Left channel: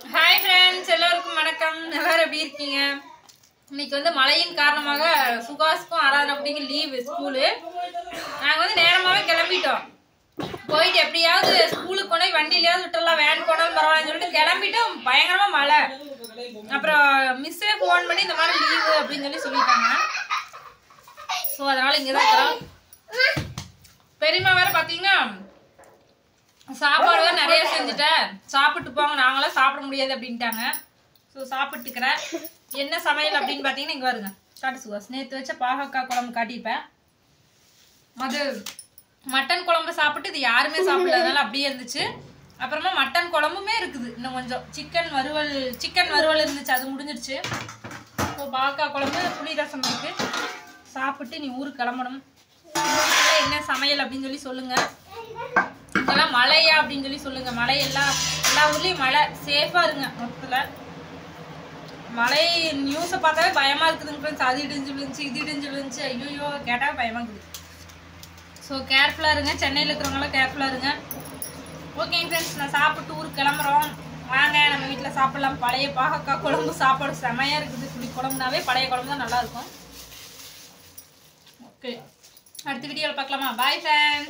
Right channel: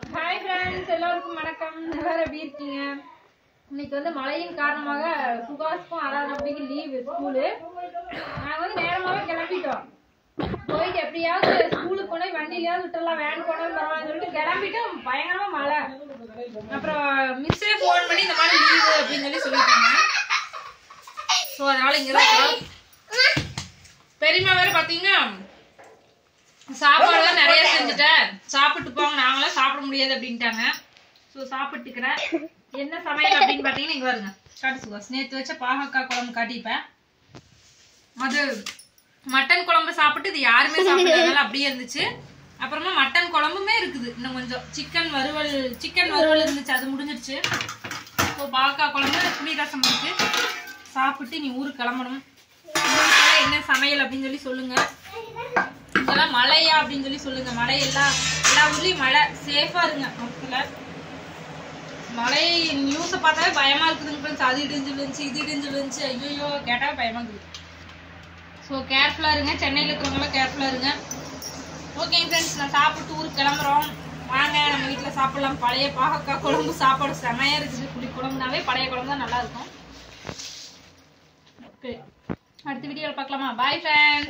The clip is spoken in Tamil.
Hi friends, எல்லாருக்கும் வணக்கம். எல்லாரும் எப்படி இருக்கீங்க? இன்னைக்கு வந்து மழையின் காரணமாக சுகாஸ்க்கும் ஆராதனைக்கு லீவ் ஸ்கூல். நாங்க வந்து நேரமாவே கிளம்பிட்டோம். போயிட்டு எப்படியாவது ஸ்கூலுக்கு போய் வண்டியிலயாவது விட்டுறலாம், வேன் போனாலும் பரவாயில்லன்னு சொல்லிட்டு கிளம்பிட்டோம். பயங்கரமா மழை. அப்புறம் மிஸ்ஸே ஃபோன் பண்ணி இந்த மாதிரி லீவு அப்படின்னு சொல்லிட்டாங்க. ஸோ அதனால இங்கதான் இருக்கிறோம். பெரியம்மா வேற பாத்தீங்கன்னா சாப்பாடு நிறைய செஞ்சுட்டேன், சாப்பிட்டு போங்க, நாங்களாம் சாப்பிட முடியாது அப்படின்ட்டாங்க. ஸோ சாப்பிட்டுக்கிறேன். என்ன சமையல் அப்படின்னு பார்த்தீங்கன்னா இங்கே வருங்க காட்டு சுகாஸ். நேற்று வச்ச பாகக்காய் குழம்பு காட்டிப்பேன். அது மட்டன் குழம்பு சாப்பிட்டு இது யாருமே சாப்பிடாதனால அப்படியே இருந்துச்சு. அப்புறமா மட்டன் குழம்புமே இருக்குது, இன்னும் கொஞ்சம் சிக்கன் வறுவல் இருந்துச்சு, அது முடிஞ்சிருச்சு. ஸோ பாகக்காய் குழம்பு புளி ரசம் இருக்கு. சாப்பிட்டு நீ ஊருக்கு கிளம்பணும். என்ன சமையல் அப்படின்னு சொல்லி சொல்லுங்க. இதெல்லாம் மழையா அப்படின்னு சொல்லி சொல்லுங்க. மழை எல்லா ஊர்லயும் மழை, சேஃபா இருங்க. மொத்தத்துல மழை நியூஸை பார்த்தாவே பயமா இருக்குதுங்க ஃப்ரெண்ட்ஸ். அது இடிஞ்சு விழுந்துச்சு, இது இடிஞ்சு விழுந்துச்சு, ஐயோ கேட்டாவே பயமா இருக்குது. ஸோ கேர்ஃபுல்லா இருங்க, சென்னையில் இருக்கிறவங்களாம் கேர்ஃபுல்லா இருங்க. ஓகே ஃப்ரெண்ட்ஸ், நான் சாப்பிட்டு ஊருக்கு கிளம்புறோம். வாங்க நம்ம வீட்டில் சாப்பிடலாம். பழைய பாகக்காய் குழம்பு சாப்பாடு செமையா இருக்குது. புளி குழம்புனாவே பழைய குழம்பு தான் நல்லா இருக்கும். ஓகே, அடுத்த வீடியோவில் பார்க்கலாமா? Bye friends.